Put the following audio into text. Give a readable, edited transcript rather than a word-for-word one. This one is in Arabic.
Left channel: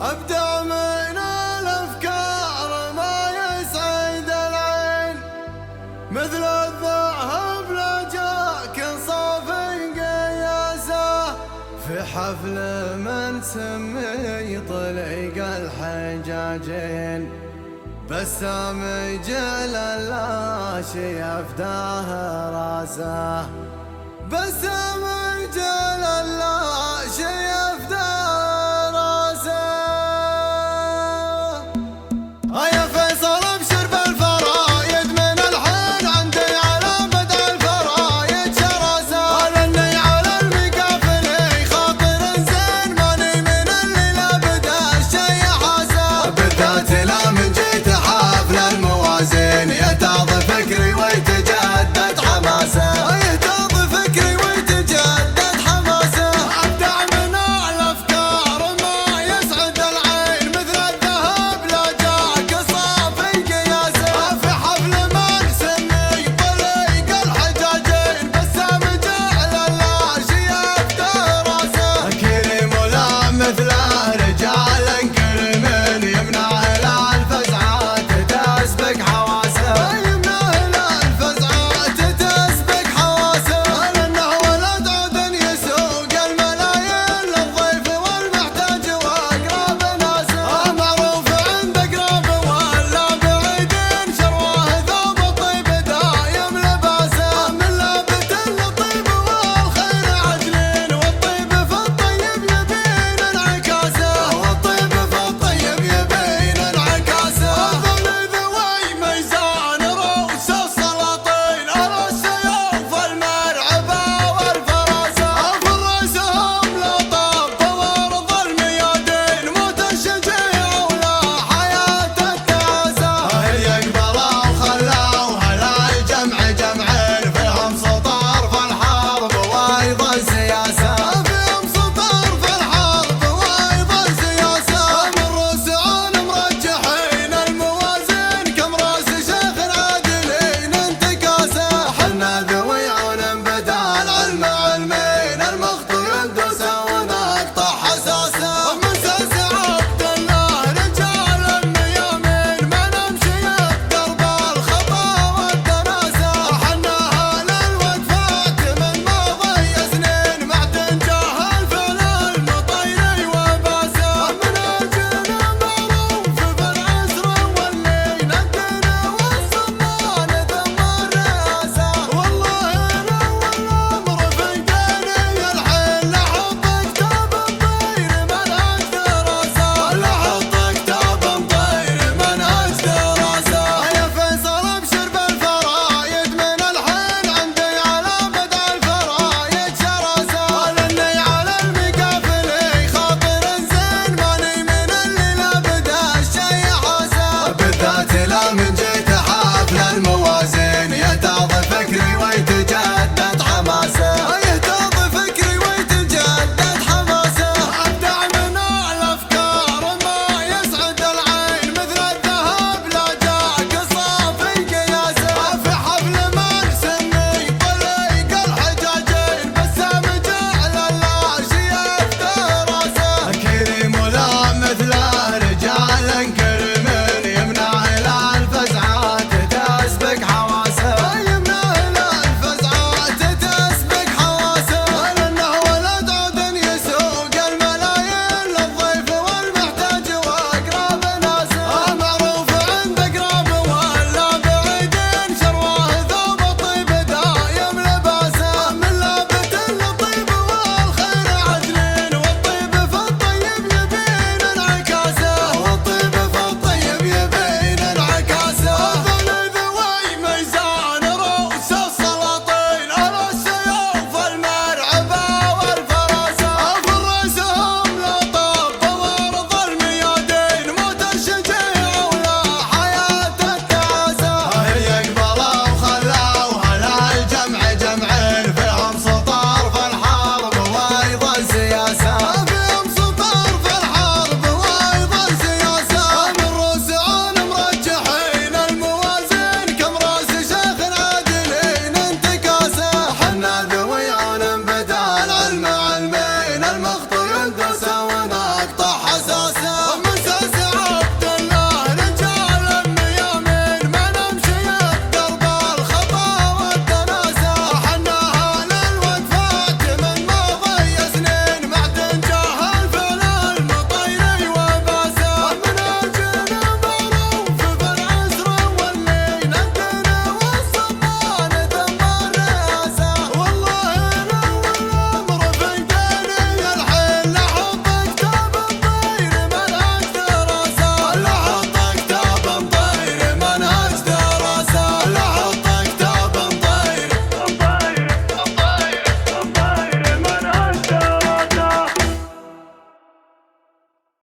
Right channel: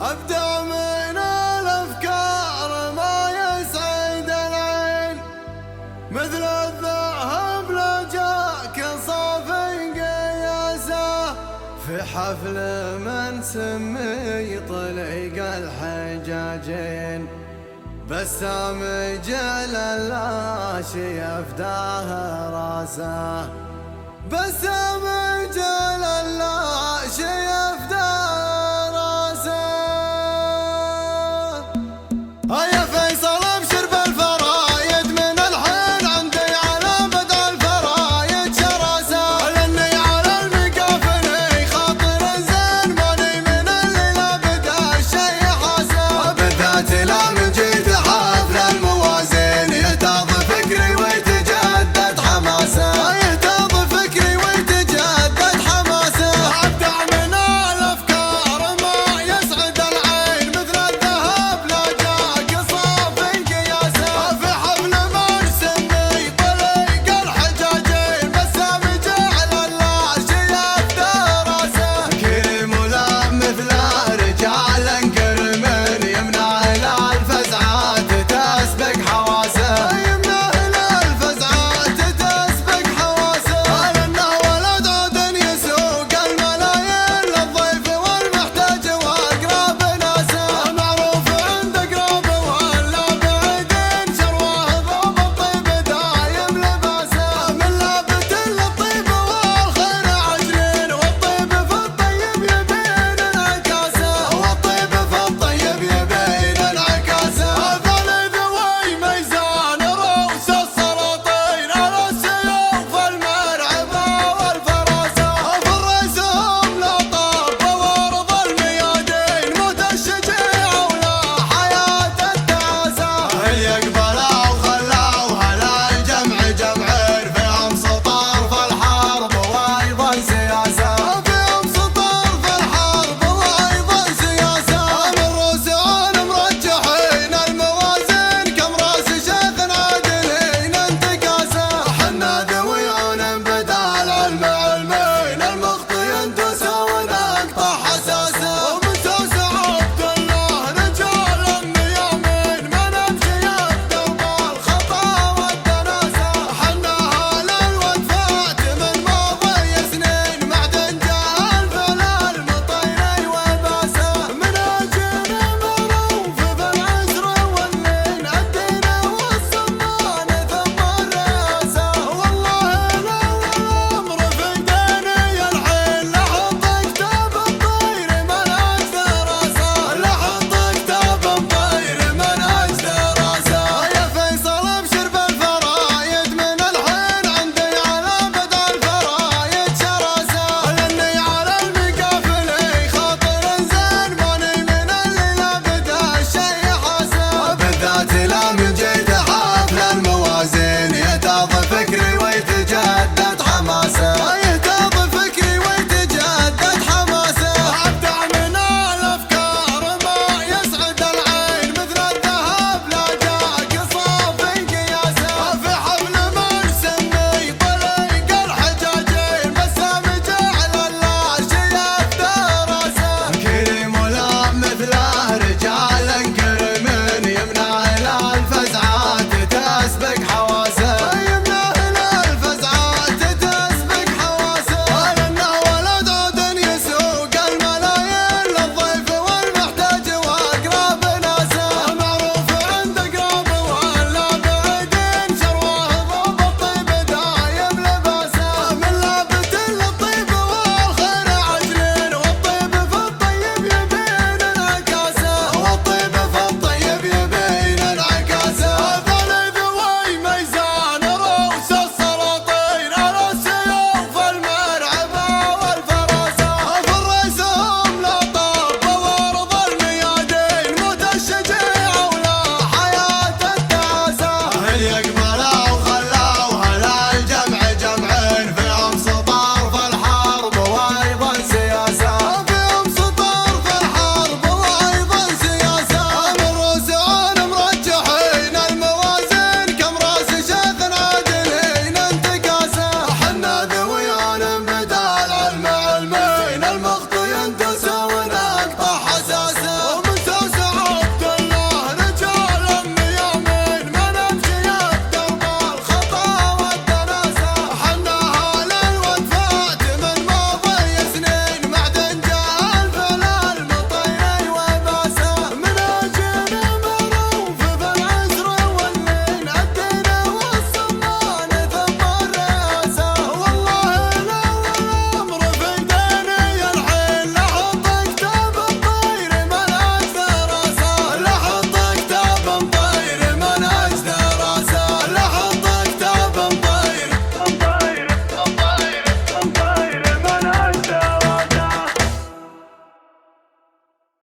أبدع من الأفكار ما يسعد العين، مثل الذهب لجاك صافي قياسه، في حفل من سمي طليق الحجاجين، بسام جعل اللاشي يفداه راسه، بسام جعل اللاشي يفداه راسه. يا فيصل ابشر بالفرايد من الحين عندي على بدء الفرايد شراسه، لاني على المكافني خاطر زين ماني من اللي لا بدا الشي حاسه، بالذات لا من جيت حفل الموازين يتاض فكري ويتجدد حماسه، يتاض فكري ويتجدد حماسه. ابدع من الافكار ما يسعد العين، مثل الذهب لا جاك صافي قياسه، في حفل ما نسمي طليق الحجاجين، بسام جعل اللاشي يفدى راسه، كريم ولا مثله رجال